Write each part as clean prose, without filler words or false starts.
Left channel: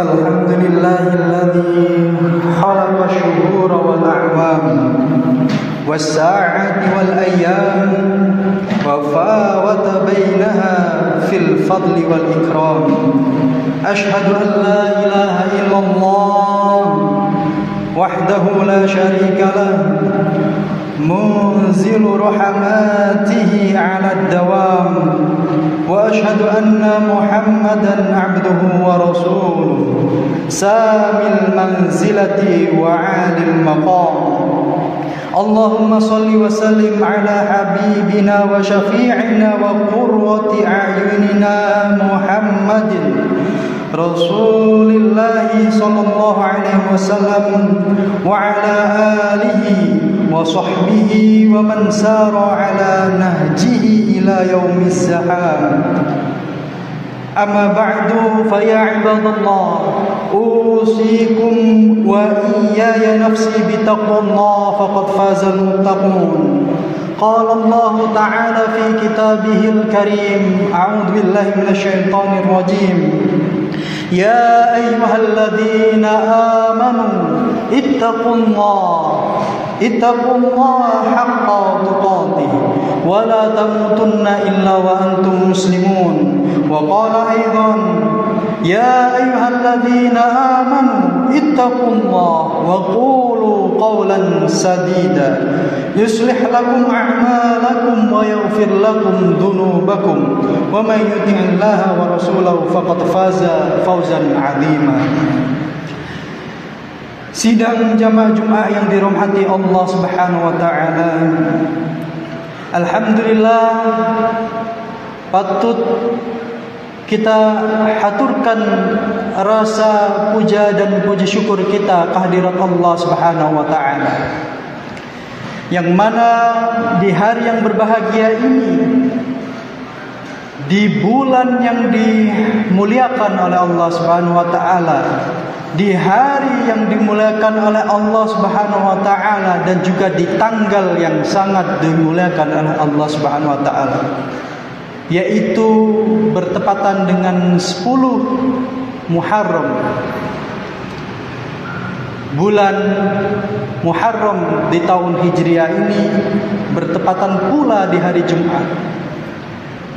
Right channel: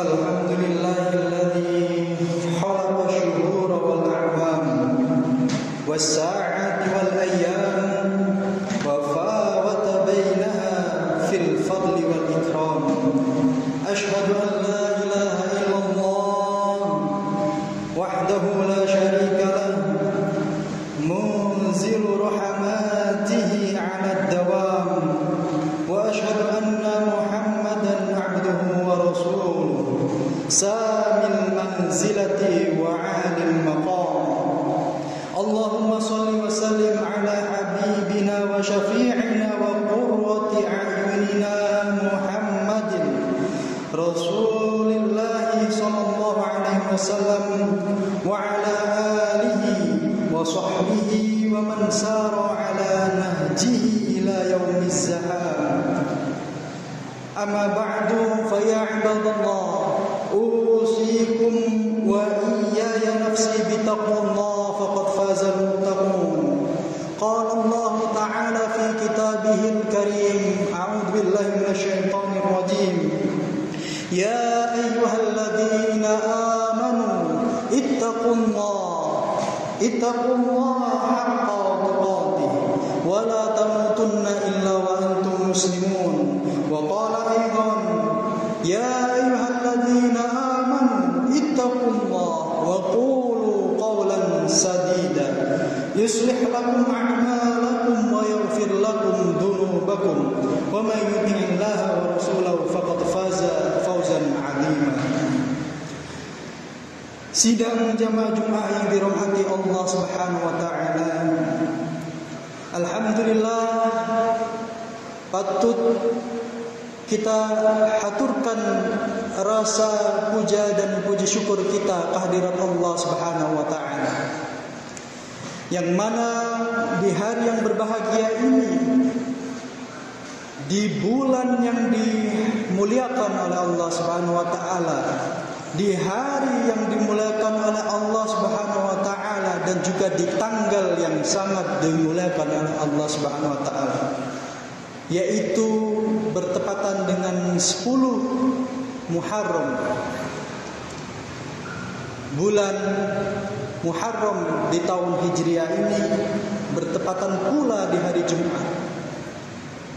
Alhamdulillahilladzi khalaqa ash-shuhura wal a'wam was-sa'ati wal ayyam wa fawata bainaha fil fadli wal ikram. Ashhadu an la ilaha illallah wahdahu la sharika lah munzilu rahmatihi 'ala ad-dawam wa ashhadu anna Muhammadan 'abduhu wa rasuluhu samil manzilati wa 'alil maqam. Allahumma salli wa sallim ala habibina wa syafi'ina wa qurrati a'yunina Muhammadin Rasulillahi sallallahu alaihi wasallam wa ala alihi wa sahbihi wa man sara ala nahjihi ila yaumiz zaham. Amma ba'du fa ya ibadallah usikum wa iyaya nafsi bitaqwallah faqad fazal muttaqun. Qala Allah ta'ala fi kitabihil karim a'udzu billahi minasy syaithanir rajim. Ya ayyuhalladzina amanu ittaqullaha haqqa tuqatih wa la tamutunna illa wa antum muslimun. Wa qala aidan ya ayyuhalladzina amanu ittaqullaha wa qulu qawlan sadida yuslih lakum a'malakum wa yaghfir lakum dhunubakum wa may yuti'illaha wa rasulahu faqad faza fawzan 'azima. Sidang jamaah Jumat yang dirahmati Allah Subhanahu wa taala. Alhamdulillah, patut kita haturkan rasa puja dan puji syukur kita kehadirat Allah Subhanahu wa taala. Yang mana di hari yang berbahagia ini, di bulan yang dimuliakan oleh Allah Subhanahu wa taala, di hari yang dimuliakan oleh Allah Subhanahu wa taala dan juga di tanggal yang sangat dimuliakan oleh Allah Subhanahu wa taala, yaitu bertepatan dengan 10 Muharram. Bulan Muharram di tahun Hijriah ini bertepatan pula di hari Jumat.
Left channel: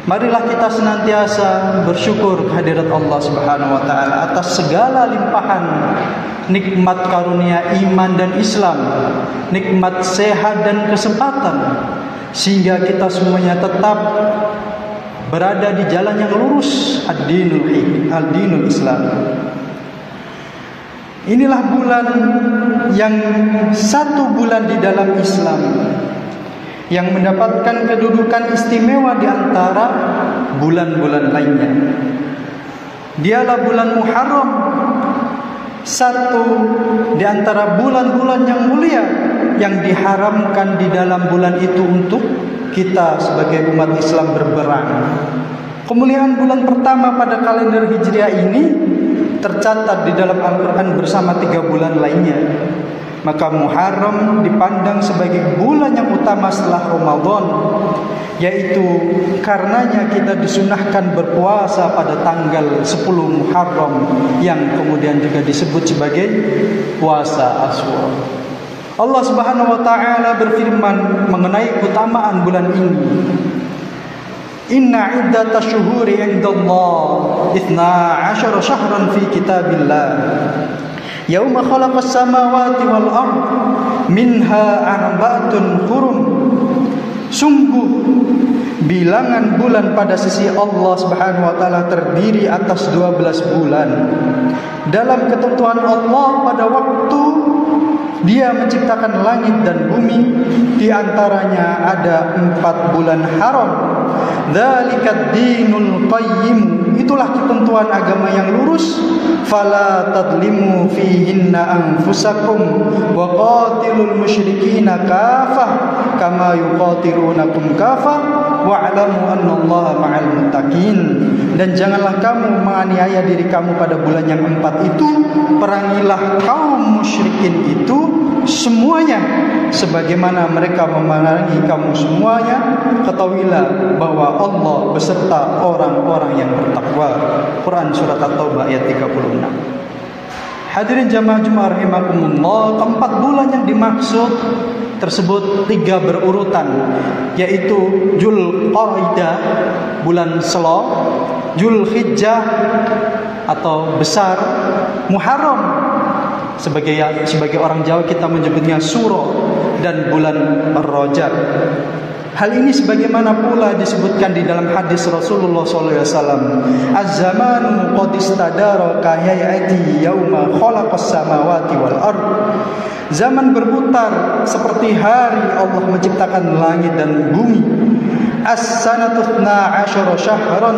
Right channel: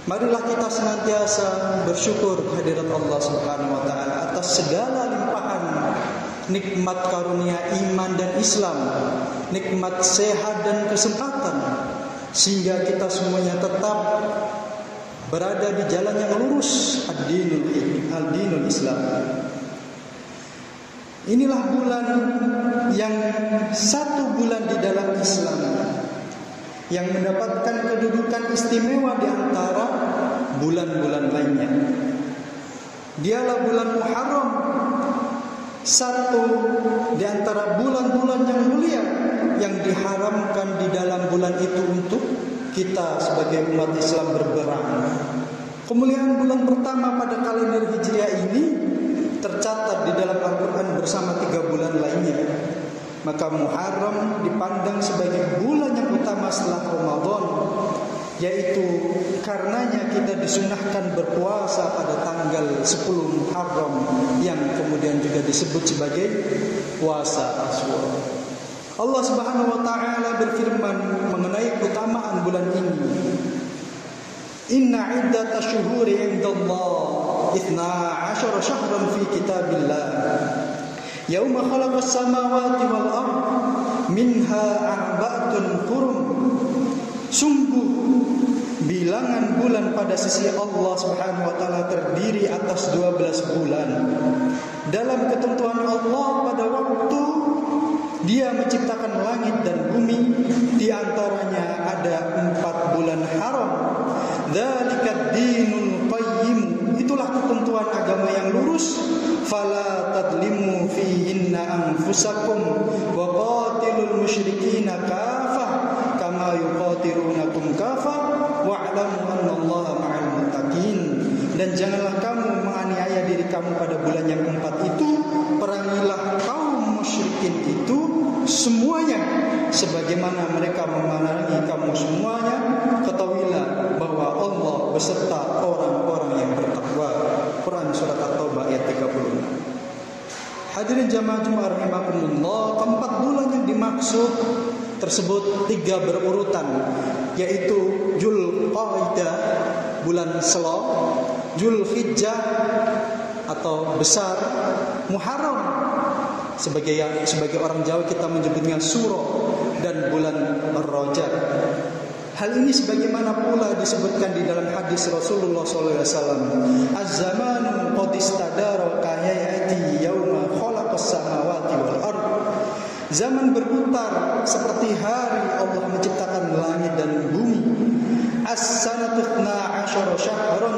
Marilah kita senantiasa bersyukur kehadirat Allah Subhanahu wa taala atas segala limpahan nikmat karunia iman dan Islam, nikmat sehat dan kesempatan, sehingga kita semuanya tetap berada di jalan yang lurus, ad-dinul Islam. Inilah bulan yang satu bulan di dalam Islam yang mendapatkan kedudukan istimewa di antara bulan-bulan lainnya. Dialah bulan Muharram, satu di antara bulan-bulan yang mulia yang diharamkan di dalam bulan itu untuk kita sebagai umat Islam berperang. Kemuliaan bulan pertama pada kalender Hijriah ini tercatat di dalam Al-Quran bersama 3 bulan lainnya. Maka Muharram dipandang sebagai bulan yang utama setelah Ramadan, yaitu karenanya kita disunahkan berpuasa pada tanggal 10 Muharram yang kemudian juga disebut sebagai puasa Asyura. Allah Subhanahu wa taala berfirman mengenai keutamaan bulan ini. Inna iddatash syuhuri 'indallah 12 syahran fi kitabillah yauma khalaqas samawati wal ard minha arba'atun hurum. Sungguh bilangan bulan pada sisi Allah Subhanahu wa taala terdiri atas 12 bulan. Dalam ketentuan Allah pada waktu Dia menciptakan langit dan bumi, di antaranya ada 4 bulan haram. Dzalikad dinul qayyim, Itulah ketentuan agama yang lurus. Fala tadlimu fihinna anfusakum wa qatilul musyrikina kafah kama yuqatilunakum kafah wa'lamu annallaha ma'al muttaqin. Dan janganlah kamu menganiaya diri kamu pada bulan yang 4 itu. Perangilah kaum musyrikin itu semuanya sebagaimana mereka memerangi kamu semuanya. Ketahuilah bahwa Allah beserta orang-orang yang bertakwa. Quran surat At-Taubah ayat 36. Hadirin jamaah Jumat rahimakumullah, keempat bulan yang dimaksud tersebut 3 berurutan, yaitu Dzulqa'dah bulan Selo, Dzulhijjah atau besar, Muharram sebagai orang Jawa kita menyebutnya Suro, dan bulan Rajab. Hal ini sebagaimana pula disebutkan di dalam hadis Rasulullah SAW, Az-zamanu qad istadara ka hayati yauma khalaqas samawati wal ard. Zaman berputar seperti hari Allah menciptakan langit dan bumi. As-sanatu 12 syahran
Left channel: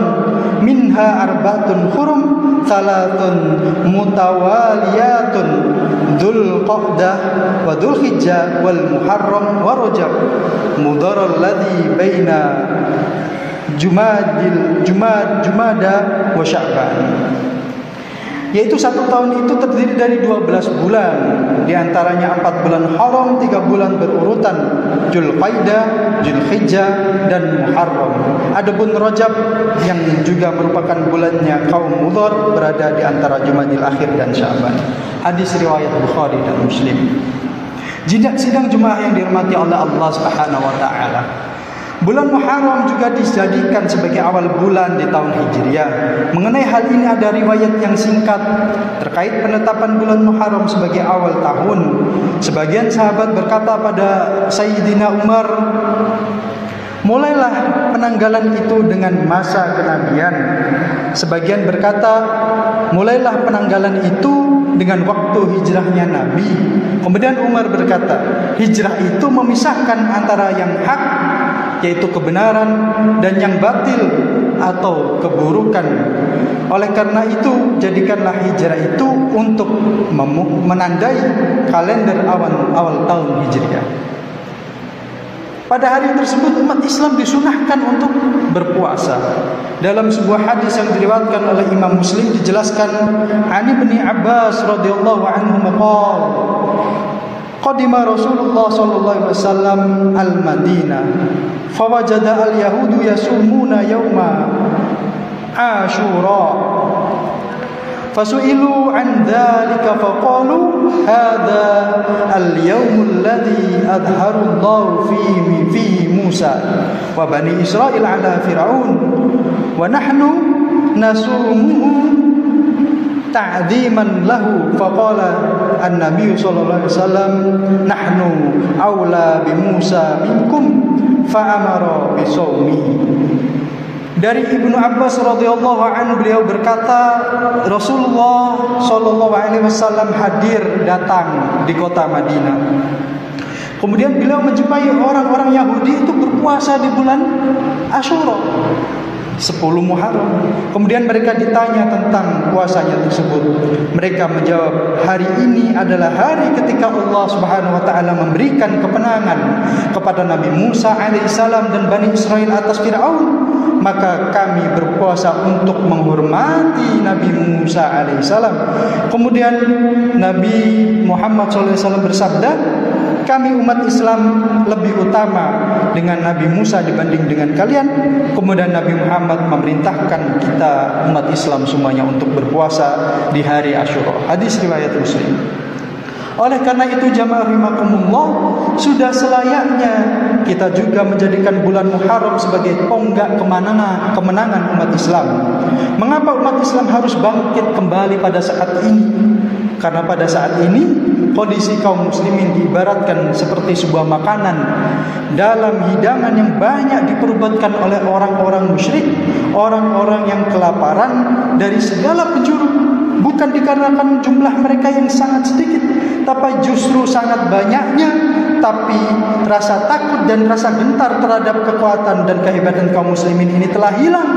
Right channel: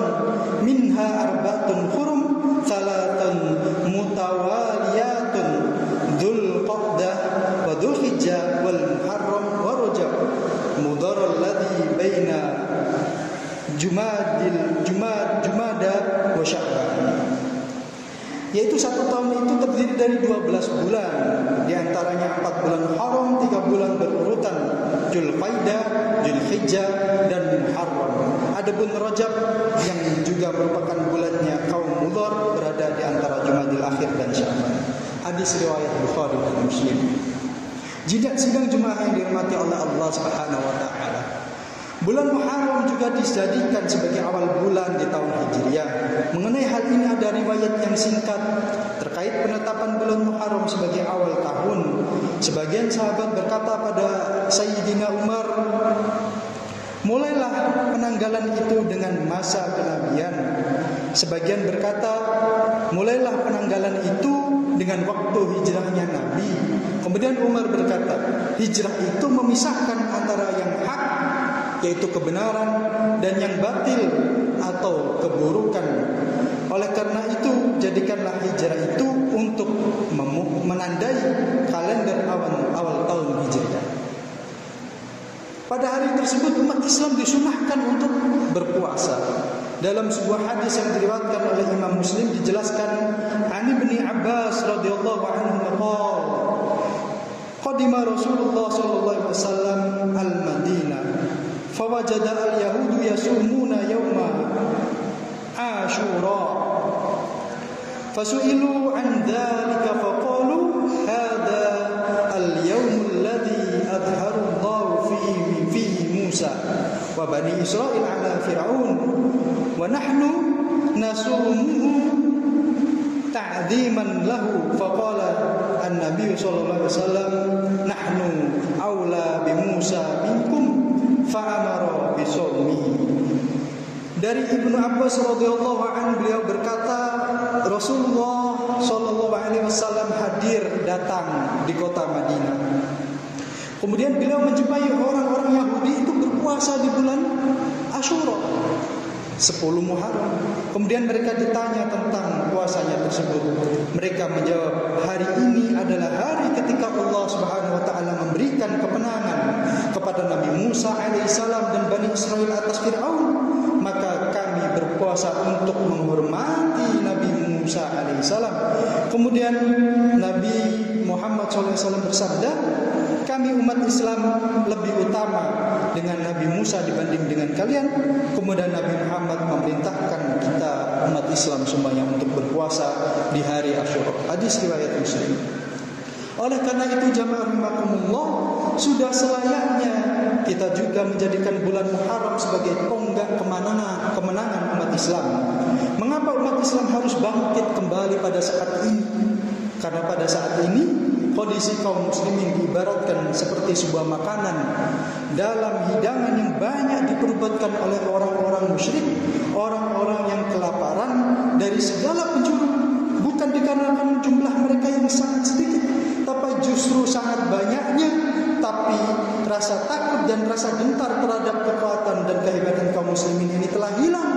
minha arba'atun hurum salatun mutawaliyatun Dzulqa'dah wa Dzulhijjah wal Muharram wa Rajab mudaral ladzi baina Jumada wa Sya'ban. Yaitu 1 tahun itu terdiri dari 12 bulan, di antaranya 4 bulan haram, 3 bulan berurutan, Dzulqa'dah, Dzulhijjah dan Muharram. Adapun Rajab yang juga merupakan bulannya kaum Mudhar berada di antara Jumadil Akhir dan Sya'ban. Hadis riwayat Bukhari dan Muslim. Sidang jemaah yang dirahmati oleh Allah Subhanahu wa taala. Bulan Muharram juga dijadikan sebagai awal bulan di tahun Hijriah. Mengenai hal ini ada riwayat yang singkat terkait penetapan bulan Muharram sebagai awal tahun. Sebagian sahabat berkata pada Sayyidina Umar, mulailah penanggalan itu dengan masa kenabian. Sebagian berkata, mulailah penanggalan itu dengan waktu hijrahnya Nabi. Kemudian Umar berkata, hijrah itu memisahkan antara yang hak, yaitu kebenaran, dan yang batil atau keburukan. Oleh karena itu, jadikanlah hijrah itu untuk menandai kalender awal tahun Hijriah. Pada hari tersebut umat Islam disunahkan untuk berpuasa. Dalam sebuah hadis yang diriwayatkan oleh Imam Muslim dijelaskan, Ani bin Abbas radhiyallahu anhu maqal, qadima Rasulullah sallallahu alaihi wasallam al-Madinah, fawajada al-yahudu yasumuna yawma Ashura. Fasu'ilu an dzalika faqalu hadza al-yawm alladhi adhara Allah fihi Musa wa bani Israil ala Fir'aun wa nahnu nasumuhu ta'dhiman lahu. Faqala an-nabiy sallallahu alaihi wasallam nahnu aula bi Musa minkum fa'amara bi shaumihi. Dari Ibnu Abbas radhiyallahu anhu, beliau berkata, Rasulullah sallallahu alaihi wasallam datang di kota Madinah. Kemudian beliau menjumpai orang-orang Yahudi itu berpuasa di bulan Asyura, 10 Muharram. Kemudian mereka ditanya tentang puasanya tersebut. Mereka menjawab, hari ini adalah hari ketika Allah Subhanahu wa taala memberikan kemenangan kepada Nabi Musa alaihissalam dan Bani Israel atas Fir'aun. Maka kami berpuasa untuk menghormati Nabi Musa alaihissalam. Kemudian Nabi Muhammad SAW bersabda, kami umat Islam lebih utama dengan Nabi Musa dibanding dengan kalian. Kemudian Nabi Muhammad memerintahkan kita umat Islam semuanya untuk berpuasa di hari Asyura. Hadis riwayat Muslim. Oleh karena itu jamaah rahimakumullah, sudah selayaknya kita juga menjadikan bulan Muharram sebagai tonggak kemenangan umat Islam. Mengapa umat Islam harus bangkit kembali pada saat ini? Karena pada saat ini kondisi kaum muslimin diibaratkan seperti sebuah makanan dalam hidangan yang banyak diperbuatkan oleh orang-orang musyrik, orang-orang yang kelaparan dari segala penjuru. Bukan dikarenakan jumlah mereka yang sangat sedikit, tapi justru sangat banyaknya. Tapi rasa takut dan rasa gentar terhadap kekuatan dan kehebatan kaum muslimin ini telah hilang.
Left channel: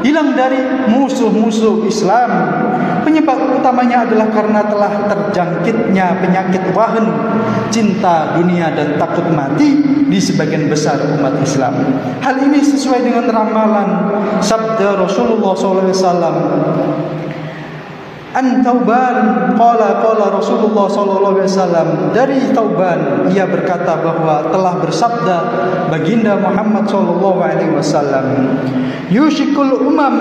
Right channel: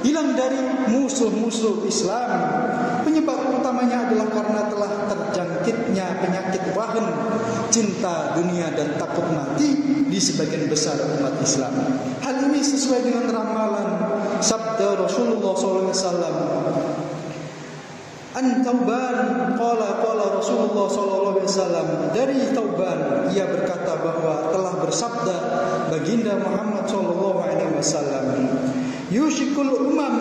hilang dari musuh-musuh Islam. Penyebab utamanya adalah karena telah terjangkitnya penyakit wahan, cinta dunia dan takut mati di sebagian besar umat Islam. Hal ini sesuai dengan ramalan sabda Rasulullah SAW. An Tauban qala Rasulullah sallallahu alaihi wasallam, dari Tauban ia berkata bahwa telah bersabda baginda Muhammad sallallahu alaihi wasallam, yushikul umam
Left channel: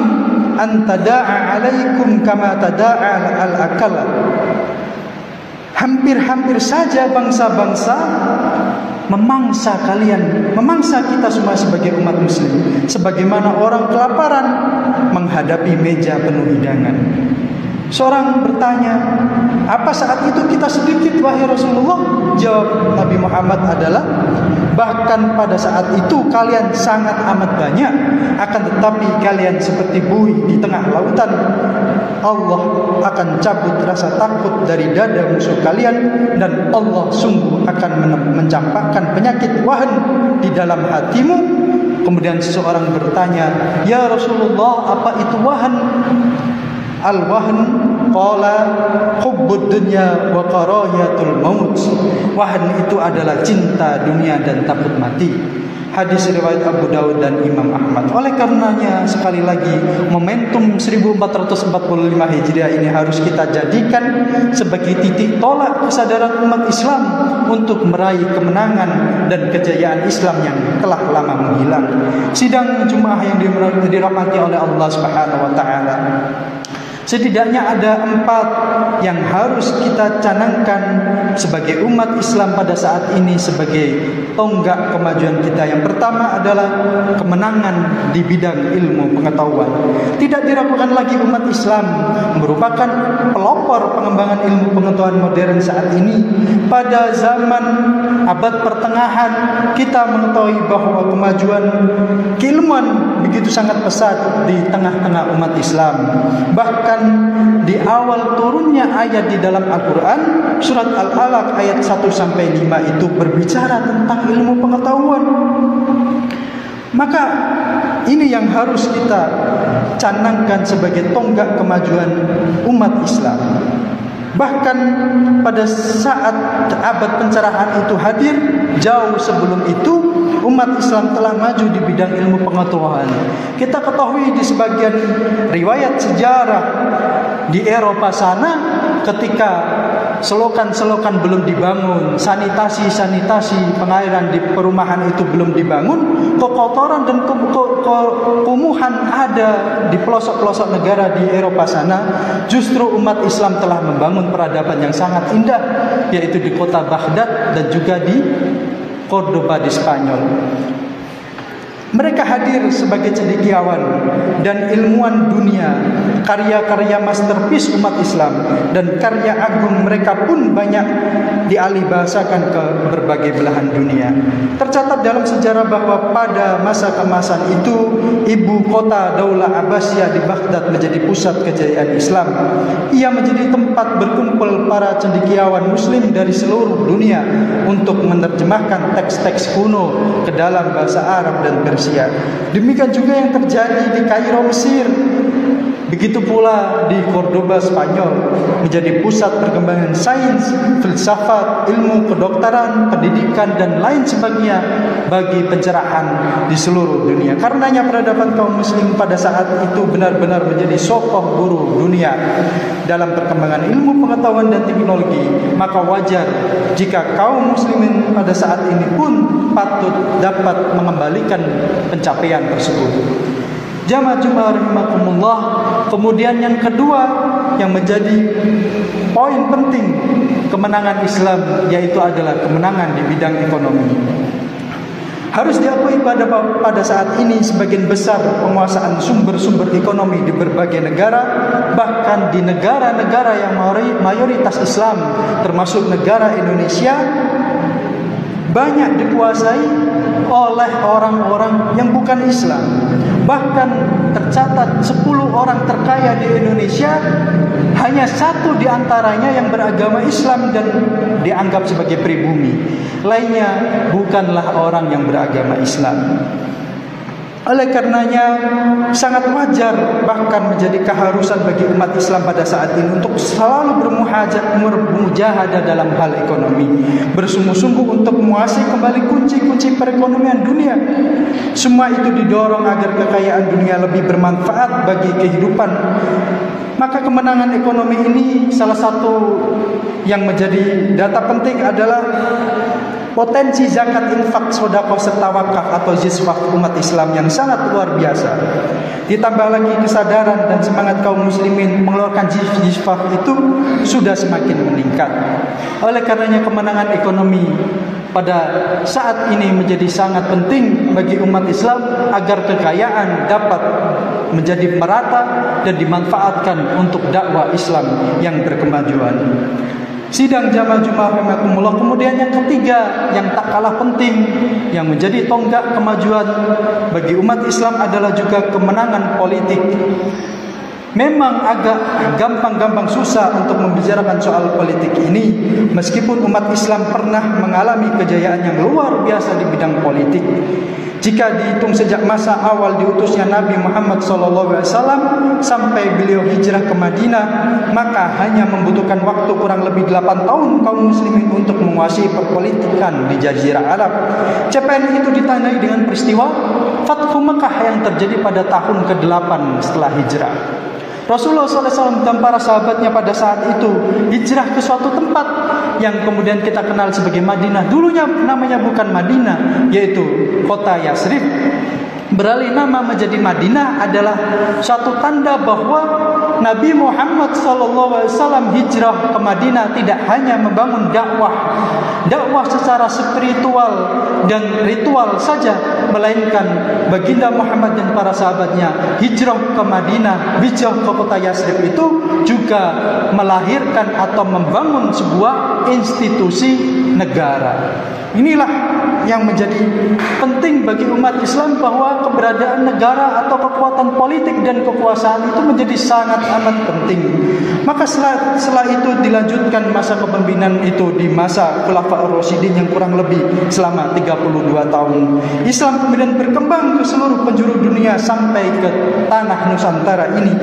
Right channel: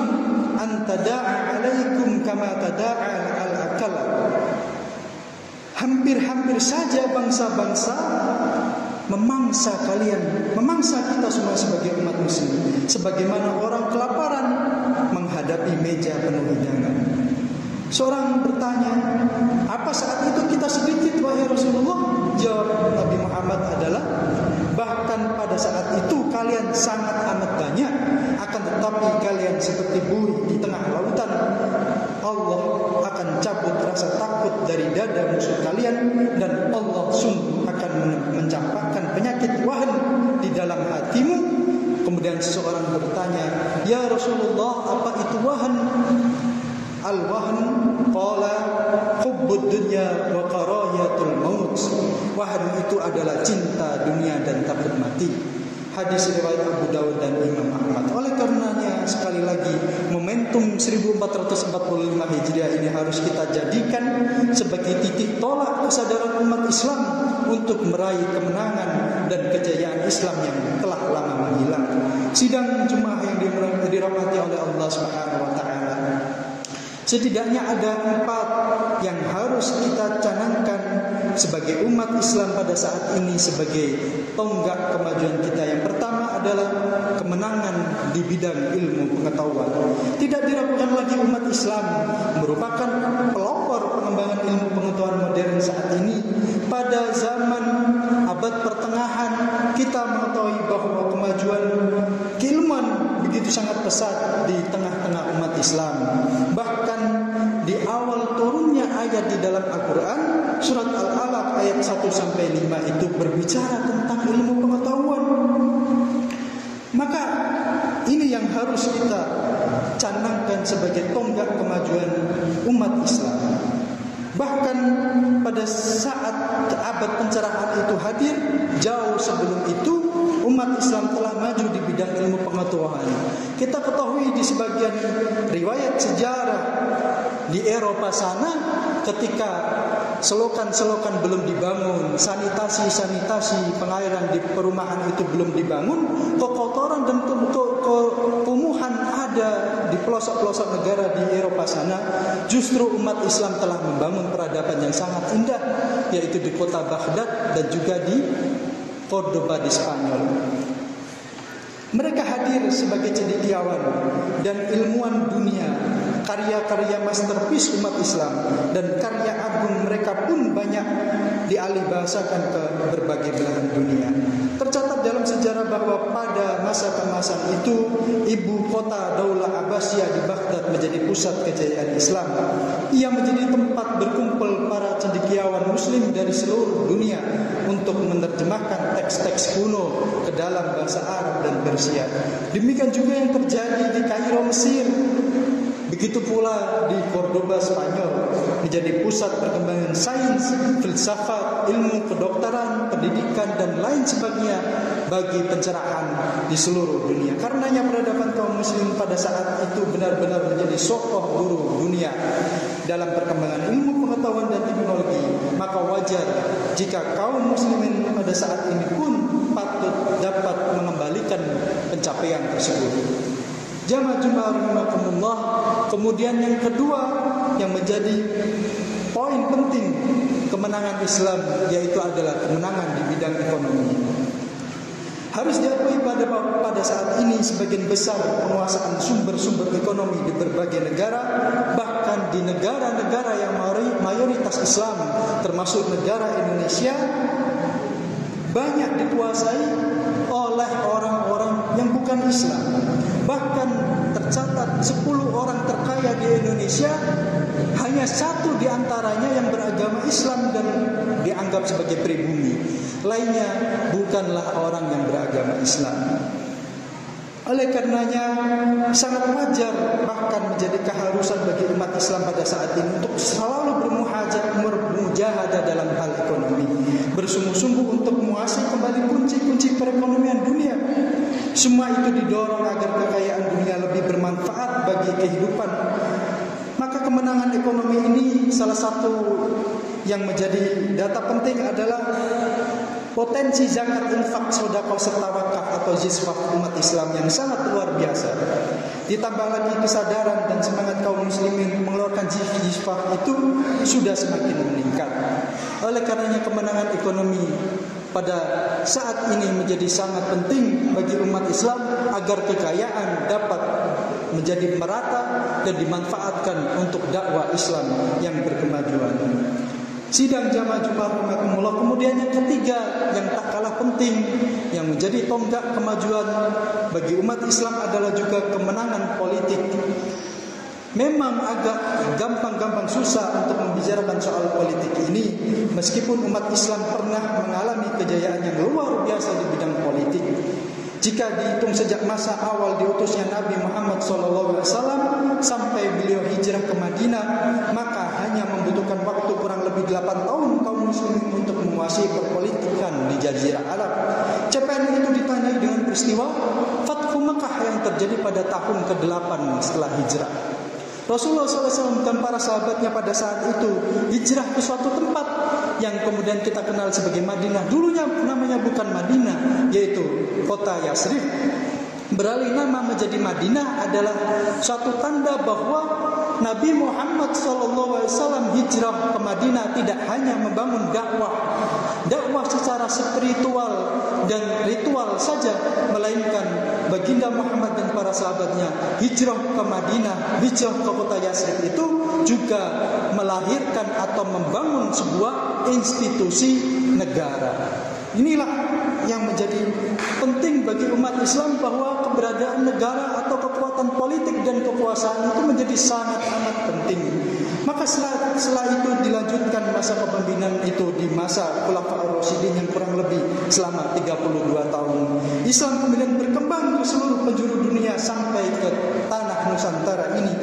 an tada'a alaikum kama tada'a al-akala. Hampir-hampir saja bangsa-bangsa memangsa kalian, memangsa kita semua sebagai umat muslim, sebagaimana orang kelaparan menghadapi meja penuh hidangan. Seorang bertanya, apa saat itu kita sedikit wahai Rasulullah? Jawab Nabi Muhammad adalah, bahkan pada saat itu kalian sangat amat banyak, akan tetapi kalian seperti buih di tengah lautan. Allah akan cabut rasa takut dari dada musuh kalian, dan Allah sungguh akan mencampakkan penyakit wahan di dalam hatimu. Kemudian seseorang bertanya, ya Rasulullah, apa itu wahan? Al-wahn qala hubbud dunya wa karahiyatul maut. Wahn itu adalah cinta dunia dan takut mati. Hadis riwayat Abu Dawud dan Imam Ahmad. Oleh karenanya sekali lagi momentum 1445 Hijriah ini harus kita jadikan sebagai titik tolak kesadaran umat Islam untuk meraih kemenangan dan kejayaan Islam yang telah lama menghilang. Sidang Jumat yang dirahmati oleh Allah Subhanahu wa taala, setidaknya ada 4 yang harus kita canangkan sebagai umat Islam pada saat ini sebagai tonggak kemajuan kita. Yang pertama adalah kemenangan di bidang ilmu pengetahuan. Tidak diragukan lagi umat Islam merupakan pelopor pengembangan ilmu pengetahuan modern saat ini. Pada zaman abad pertengahan kita mengetahui bahwa kemajuan keilmuan begitu sangat pesat di tengah-tengah umat Islam. Bahkan di awal turunnya ayat di dalam Al-Quran, surat Al-Alaq ayat 1-5 itu berbicara tentang ilmu pengetahuan. Maka ini yang harus kita canangkan sebagai tonggak kemajuan umat Islam. Bahkan pada saat abad pencerahan itu hadir, jauh sebelum itu umat Islam telah maju di bidang ilmu pengetahuan. Kita ketahui di sebagian riwayat sejarah di Eropa sana, ketika selokan-selokan belum dibangun, sanitasi pengairan di perumahan itu belum dibangun, kekotoran dan kumuhan ada di pelosok-pelosok negara di Eropa sana. Justru umat Islam telah membangun peradaban yang sangat indah, yaitu di kota Baghdad dan juga di Cordoba di Spanyol. Mereka hadir sebagai cendekiawan dan ilmuwan dunia. Karya-karya masterpiece umat Islam dan karya agung mereka pun banyak dialihbahasakan ke berbagai belahan dunia. Tercatat dalam sejarah bahwa pada masa keemasan itu, ibu kota Daulah Abbasiyah di Baghdad menjadi pusat kejayaan Islam. Ia menjadi tempat berkumpul para cendekiawan muslim dari seluruh dunia untuk menerjemahkan teks-teks kuno ke dalam bahasa Arab dan Persia. Demikian juga yang terjadi di Kairo, Mesir. Begitu pula di Cordoba, Spanyol, menjadi pusat perkembangan sains, filsafat, ilmu kedokteran, pendidikan dan lain sebagainya bagi pencerahan di seluruh dunia. Karenanya peradaban kaum muslim pada saat itu benar-benar menjadi sokoh guru dunia dalam perkembangan ilmu pengetahuan dan teknologi. Maka wajar jika kaum muslimin pada saat ini pun patut dapat mengembalikan pencapaian tersebut. Jamaah Jumat rahimakumullah. Kemudian yang kedua yang menjadi poin penting kemenangan Islam, yaitu adalah kemenangan di bidang ekonomi. Harus diakui pada saat ini sebagian besar penguasaan sumber-sumber ekonomi di berbagai negara, bahkan di negara-negara yang mayoritas Islam termasuk negara Indonesia, banyak dikuasai oleh orang-orang yang bukan Islam. Bahkan tercatat 10 orang terkaya di Indonesia, hanya 1 di antaranya yang beragama Islam dan dianggap sebagai pribumi. Lainnya bukanlah orang yang beragama Islam. Oleh karenanya sangat wajar, bahkan menjadi keharusan bagi umat Islam pada saat ini untuk selalu bermujahadah dalam hal ekonomi, bersungguh-sungguh untuk menguasai kembali kunci-kunci perekonomian dunia. Semua itu didorong agar kekayaan dunia lebih bermanfaat bagi kehidupan. Maka kemenangan ekonomi ini salah satu yang menjadi data penting adalah potensi zakat, infak, sedekah serta wakaf atau ziswaf umat Islam yang sangat luar biasa. Ditambah lagi kesadaran dan semangat kaum muslimin mengeluarkan ziswaf itu sudah semakin meningkat. Oleh karenanya kemenangan ekonomi pada saat ini menjadi sangat penting bagi umat Islam agar kekayaan dapat menjadi merata dan dimanfaatkan untuk dakwah Islam yang berkemajuan. Sidang jamaah Jumat rahimakumullah. Kemudian yang ketiga yang tak kalah penting yang menjadi tonggak kemajuan bagi umat Islam adalah juga kemenangan politik. Memang agak gampang susah untuk membicarakan soal politik ini, meskipun umat Islam pernah mengalami kejayaan yang luar biasa di bidang politik. Jika dihitung sejak masa awal diutusnya Nabi Muhammad SAW sampai beliau hijrah ke Madinah, maka hanya membutuhkan waktu kurang lebih 8 tahun kaum muslimin untuk menguasai perpolitikan di Jazirah Arab. Capaian itu ditandai dengan peristiwa Fathu Mekah yang terjadi pada tahun ke-8 setelah hijrah. Rasulullah SAW dan para sahabatnya pada saat itu hijrah ke suatu tempat yang kemudian kita kenal sebagai Madinah. Dulunya namanya bukan Madinah, yaitu kota Yasrib. Beralih nama menjadi Madinah adalah suatu tanda bahwa Nabi Muhammad SAW hijrah ke Madinah tidak hanya membangun dakwah secara spiritual dan ritual saja, melainkan baginda Muhammad dan para sahabatnya hijrah ke Madinah, hijrah ke kota Yasrib itu juga melahirkan atau membangun sebuah institusi negara. Inilah yang menjadi penting bagi umat Islam, bahwa keberadaan negara atau kekuatan politik dan kekuasaan itu menjadi sangat amat penting. Maka setelah itu dilanjutkan masa kepemimpinan itu di masa Khulafaur Rasyidin yang kurang lebih selama 32 tahun. Islam kemudian berkembang ke seluruh penjuru dunia sampai ke tanah Nusantara ini.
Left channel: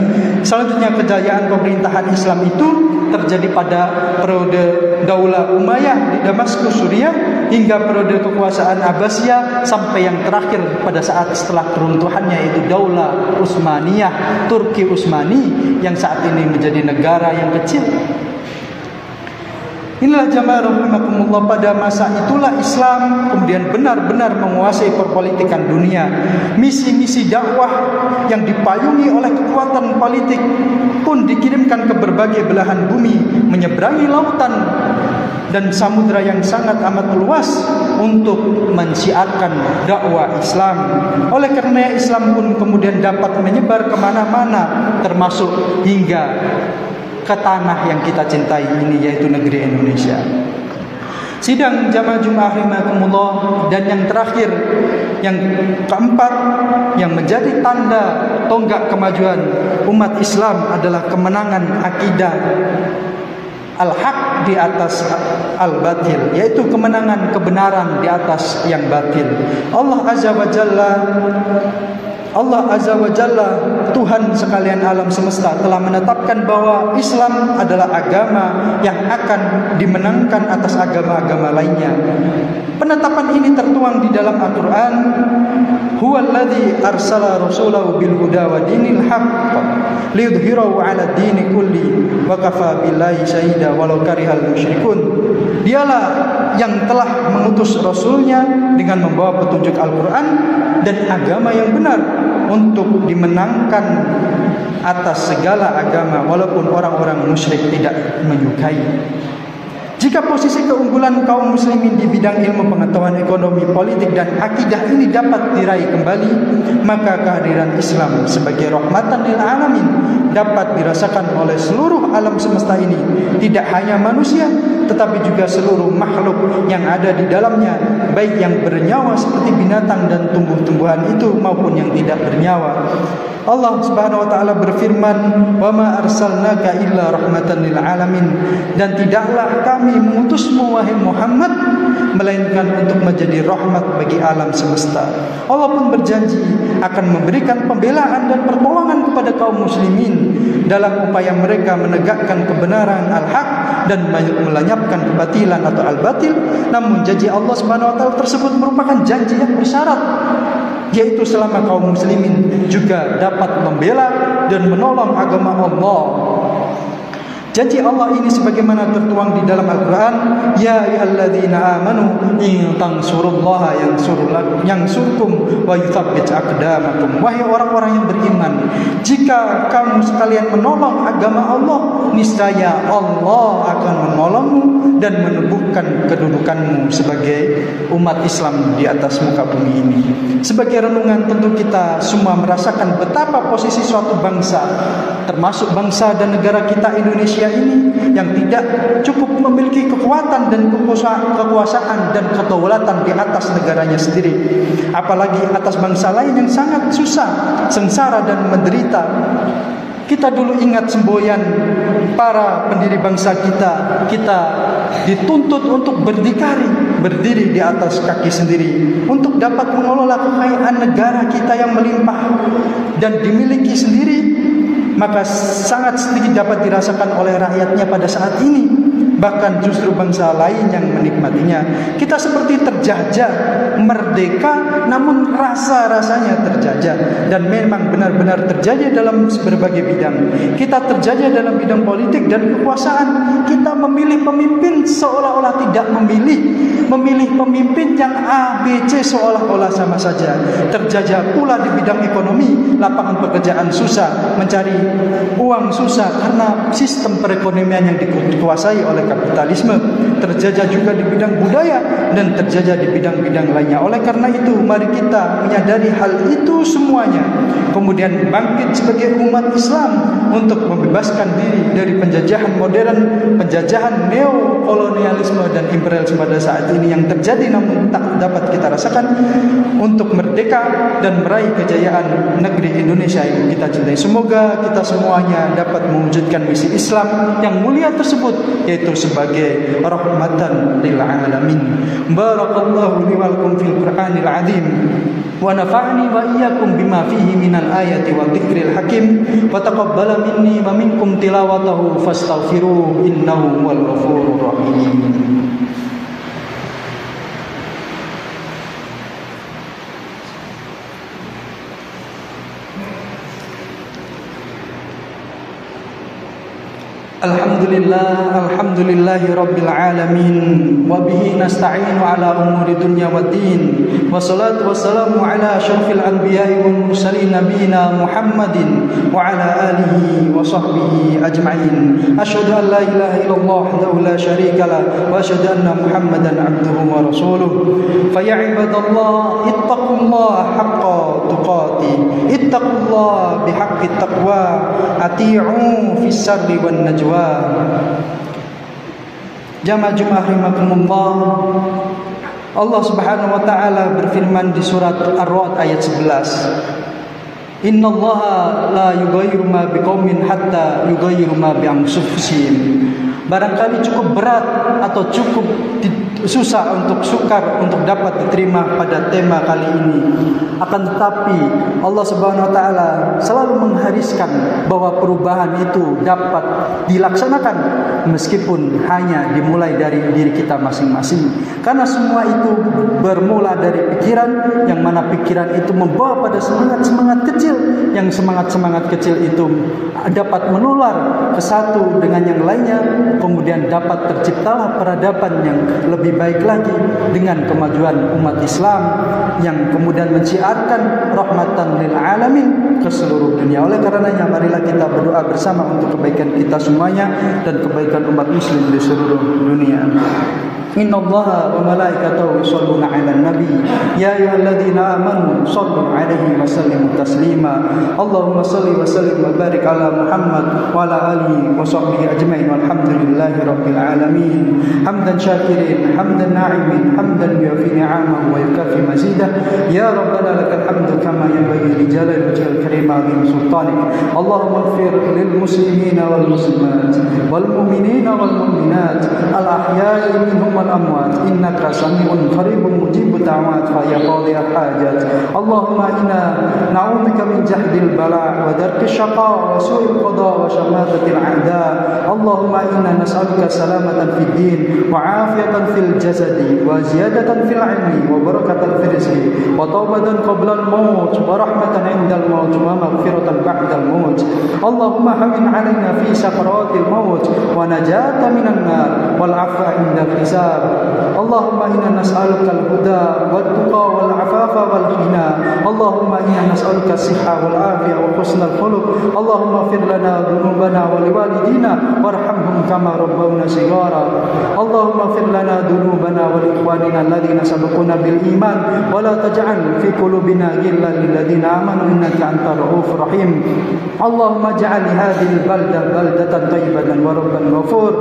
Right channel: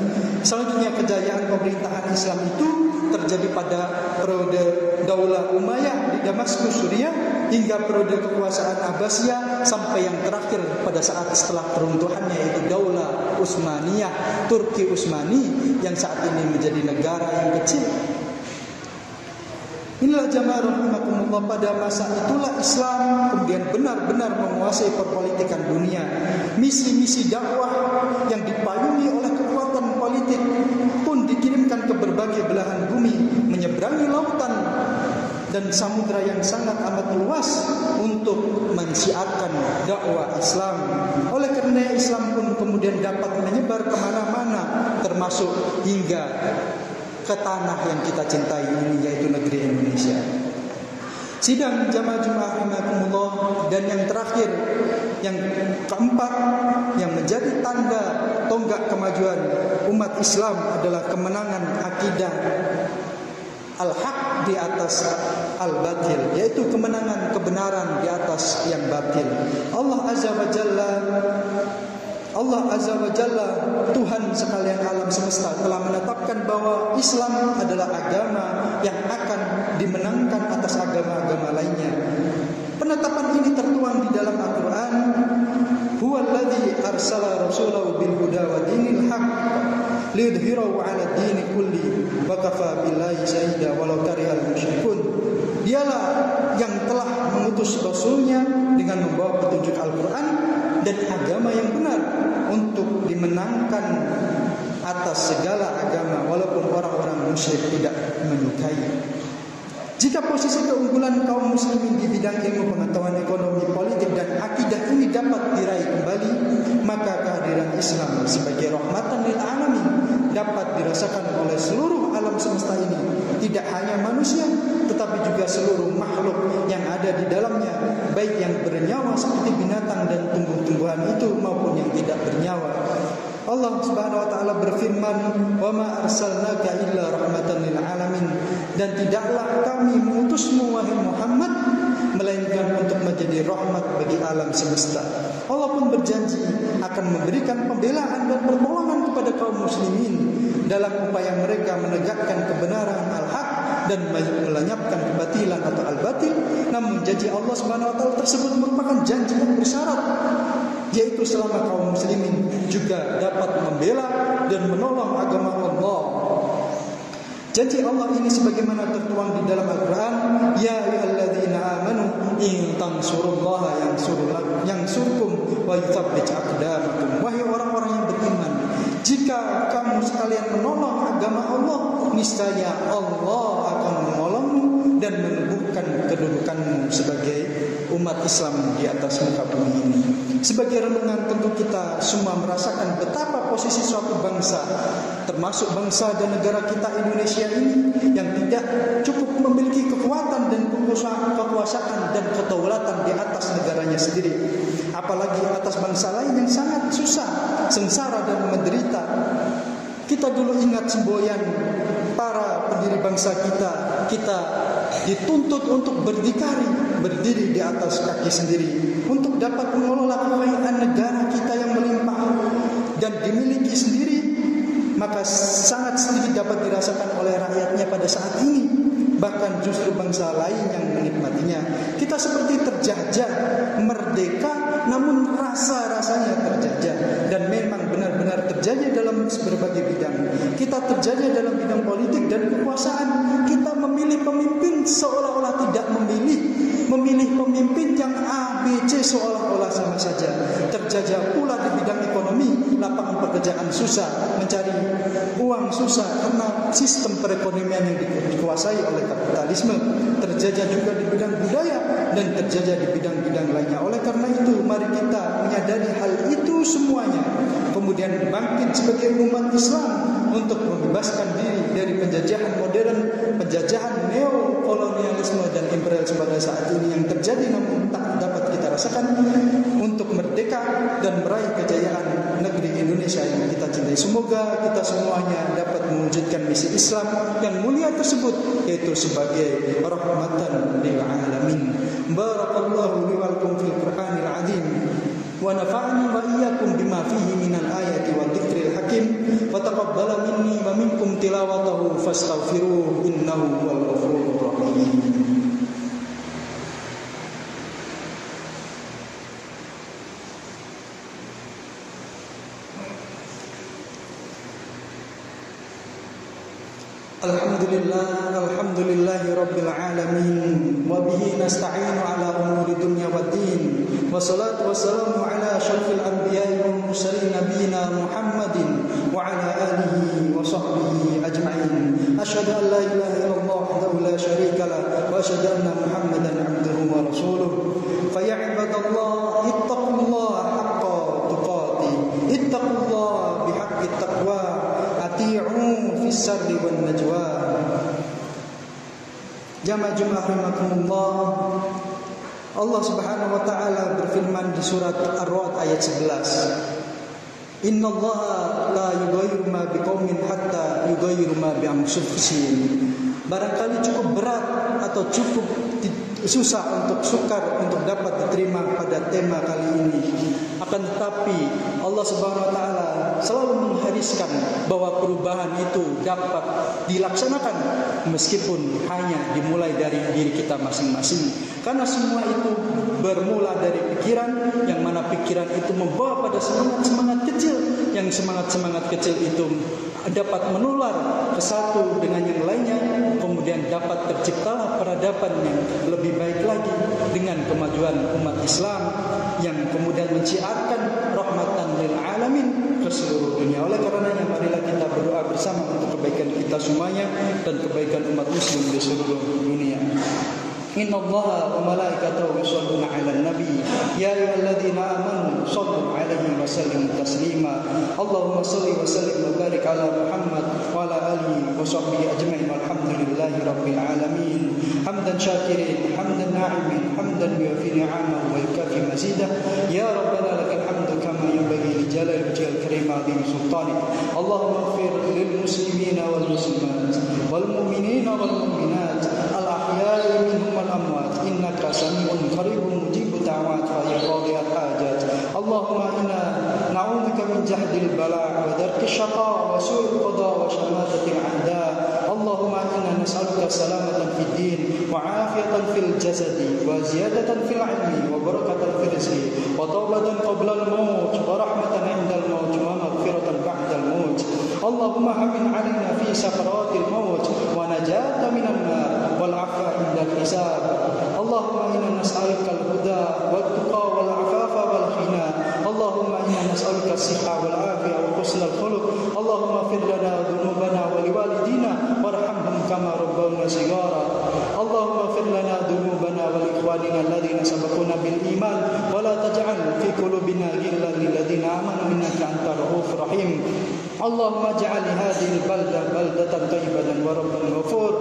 Selanjutnya kejayaan pemerintahan Islam itu terjadi pada periode Daulah Umayyah di Damaskus, Suriah, hingga periode kekuasaan Abbasiyah sampai yang terakhir pada saat setelah keruntuhannya yaitu Daulah Utsmaniyah, Turki Utsmani yang saat ini menjadi negara yang kecil. Inilah jamaah rahimakumullah, pada masa itulah Islam kemudian benar-benar menguasai perpolitikan dunia. Misi-misi dakwah yang dipayungi oleh kekuatan politik pun dikirimkan ke berbagai belahan bumi, menyeberangi lautan dan samudra yang sangat amat luas untuk mensiarkan dakwah Islam. Oleh karena Islam pun kemudian dapat menyebar kemana-mana, termasuk hingga ke tanah yang kita cintai ini, yaitu negeri Indonesia. Sidang jamaah Jumat rahimakumullah, dan yang terakhir, yang keempat, yang menjadi tanda tonggak kemajuan umat Islam adalah kemenangan akidah al-haq di atas al-batil, yaitu kemenangan kebenaran di atas yang batil. Allah Azza wa Jalla, Tuhan sekalian alam semesta, telah menetapkan bahwa Islam adalah agama yang akan dimenangkan atas agama-agama lainnya. Penetapan ini tertuang di dalam Al-Quran. Huwallazi arsala rasulahu bil huda wa dinil haqq liyudhhirahu 'ala dini kulli wa kafa billahi syahida walau karihal musyrikun. Dialah yang telah mengutus rasulnya dengan membawa petunjuk Al-Quran dan agama yang benar untuk dimenangkan atas segala agama walaupun orang-orang musyrik tidak menyukai. Jika posisi keunggulan kaum muslimin di bidang ilmu pengetahuan ekonomi, politik dan akidah ini dapat diraih kembali, maka kehadiran Islam sebagai rahmatan lil alamin dapat dirasakan oleh seluruh alam semesta ini, tidak hanya manusia tetapi juga seluruh makhluk yang ada di dalamnya, baik yang bernyawa seperti binatang dan tumbuh-tumbuhan itu maupun yang tidak bernyawa. Allah Subhanahu wa taala berfirman, "Wa ma arsalnaka illa rahmatan lil alamin." Dan tidaklah kami mengutusmu wahai Muhammad melainkan untuk menjadi rahmat bagi alam semesta. Allah pun berjanji akan memberikan pembelaan dan pertolongan kepada kaum muslimin dalam upaya mereka menegakkan kebenaran al-haq dan melenyapkan kebatilan atau al-batil. Namun janji Allah Subhanahu wa taala tersebut merupakan janji yang bersyarat, yaitu selama kaum muslimin juga dapat membela dan menolong agama Allah. Janji Allah ini sebagaimana tertuang di dalam Al-Quran, Ya ayyuhalladzina amanu in tansurullaha yansurkum wa yuthabbit aqdamakum. Wahai orang-orang yang beriman, jika kamu sekalian menolong agama Allah, niscaya Allah akan menolongmu dan menumbuhkan kedudukanmu sebagai umat Islam di atas muka bumi ini. Sebagai renungan, tentu kita semua merasakan betapa posisi suatu bangsa, termasuk bangsa dan negara kita Indonesia ini, yang tidak cukup memiliki kekuatan dan kekuasaan dan kedaulatan di atas negaranya sendiri, apalagi atas bangsa lain yang sangat susah, sengsara dan menderita. Kita dulu ingat semboyan para pendiri bangsa kita dituntut untuk berdiri di atas kaki sendiri untuk dapat mengelola kekayaan negara kita yang melimpah dan dimiliki sendiri, maka sangat sedikit dapat dirasakan oleh rakyatnya pada saat ini. Bahkan justru bangsa lain yang menikmatinya. Kita seperti terjajah, merdeka namun rasa-rasanya terjajah. Dan memang benar-benar terjajah dalam berbagai bidang. Kita terjajah dalam bidang politik dan kekuasaan. Kita memilih pemimpin seolah-olah tidak memilih pemimpin yang A, B, C seolah-olah sama saja. Terjajah pula di bidang ekonomi, lapangan pekerjaan susah, mencari uang susah karena sistem perekonomian yang dikuasai oleh kapitalisme. Terjajah juga di bidang budaya dan terjajah di bidang-bidang lainnya. Oleh karena itu, mari kita menyadari hal itu semuanya, kemudian bangkit sebagai umat Islam untuk membebaskan diri dari penjajahan modern, penjajahan neokolonialisme dan imperialisme pada saat ini yang terjadi namun tak dapat kita rasakan, untuk merdeka dan meraih kejayaan negeri Indonesia yang kita cintai. Semoga kita semuanya dapat mewujudkan misi Islam yang mulia tersebut, yaitu sebagai rahmatan lil alamin. Barakallahu li wa lakum fil Qur'anil azim wa nafa'ani wa iyyakum bima fihi minal ayati wa dzikril hakim wa taqabbala minni wa minkum tilawatahu fastaghfiruhu innahu wal ghafurur rahim. Alhamdulillahi rabbil alamin wa bihi nasta'inu ala umuri dunya waddin wassalatu wassalamu ala asyrafil anbiya'i wal mursalin nabiyina Muhammadin wa ala alihi wa sahbihi ajma'in. Asyhadu an la ilaha illallah wahdahu la syarika lah wa asyhadu anna Muhammadan abduhu wa rasuluh. Fa ya ibadallah ittaqullaha haqqa tuqatih, ittaqullaha bihaqqit taqwa, ati'u fis sirri wan najwa. Jamaah Jumat rahimakumullah, Allah Subhanahu wa taala berfirman di surat Ar-Ra'd ayat 11, Innallaha la yughayyiru ma biqaumin hatta yughayyiru ma bi anfusihim. Barangkali cukup berat atau cukup susah untuk sukar untuk dapat diterima pada tema kali ini. Akan tetapi Allah Subhanahu wa taala selalu menghariskan bahwa perubahan itu dapat dilaksanakan meskipun hanya dimulai dari diri kita masing-masing. Karena semua itu bermula dari pikiran, yang mana pikiran itu membawa pada semangat-semangat kecil, yang semangat-semangat kecil itu dapat menular ke satu dengan yang lainnya, kemudian dapat terciptalah peradaban yang lebih baik lagi dengan kemajuan umat Islam yang kemudian menciarkan rahmatan lil alamin ke seluruh dunia. Oleh karenanya marilah kita berdoa bersama untuk kebaikan kita semuanya dan kebaikan umat muslim di seluruh dunia. إن الله وملائكته يصلون على النبي يا أيها الذين آمنوا صلوا عليه وسلموا تسليما اللهم صل وسلم وبارك على محمد وعلى آله وصحبه أجمعين والحمد لله رب العالمين حمدا شاكرين حمدا ناعمين حمدا يوفي نعمه ويكافي مزيده يا ربنا لك الحمد كما ينبغي لجلال وجهك الكريم عظيم سلطانك اللهم اغفر للمسلمين والمسلمات والمؤمنين والمؤمنات الأحياء منهم والأموات إنك سميع قريب مجيب الدعوات فيا قاضي الحاجات اللهم إنا نعوذ بك من جهد البلاء ودرك الشقاء وسوء القضاء وشماتة الأعداء اللهم إنا نسألك سلامة في الدين وعافية في الجسد وزيادة في العلم وبركة في الرزق وتوبة قبل الموت ورحمة عند الموت ومغفرة بعد الموت اللهم هون علينا في سكرات الموت ونجاة من النار والعفو عند الحساب اللهم إنا نسألك الهدى والتقى والعفاف والغنى اللهم إنا نسألك الصحة والعافية وحسن الخلق اللهم اغفر لنا ذنوبنا ولوالدينا وارحمهم كما ربونا صغارا اللهم اغفر لنا ذنوبنا ولإخواننا الذين سبقونا بالإيمان ولا تجعل في قلوبنا غلا للذين آمنوا إنك أنت الرؤوف الرحيم اللهم اجعل هذه البلدة بلدة طيبة وربا غفور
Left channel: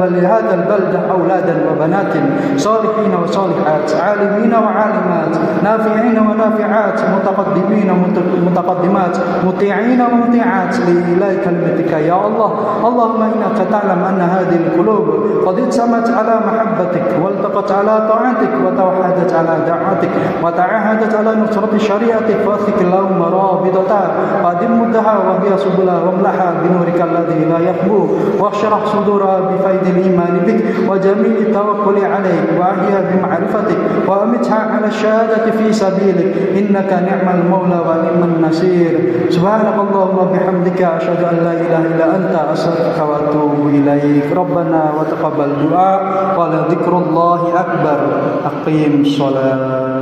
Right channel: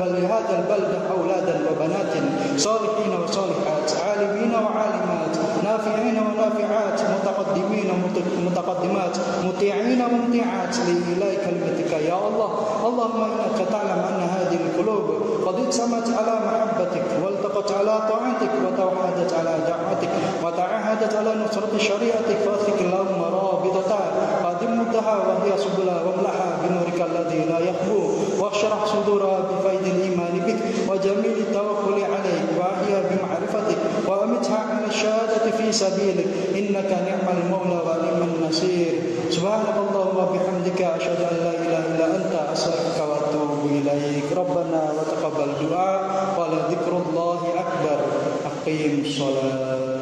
ولهذا البلدة أولادا وبنات صالحين وصالحات عالمين وعالمات نافعين ونافعات متقدمين ومتقدمات مطيعين ومطيعات لإله كلمتك يا الله اللهم إنك تعلم أن هذه القلوب قد اجتمعت على محبتك والتقت على طاعتك وتوحدت على دعوتك وتعاهدت على نصرة شريعتك فاثق اللهم رابطتها وأدم مدها وهي سبلها واملحها بنورك الذي لا يخبو واشرح صدورها بفيض الإيمان بك وجميل التوكل عليك وأحيها بمعرفتك وأمتها على الشهادة في سبيلك إنك نعم المولى ونعم النصير سبحانك اللهم وبحمدك أشهد أن لا إله إلا أنت أستغفرك وأتوب إليك ربنا وتقبل دعاء ولذكر الله أكبر أقيم الصلاة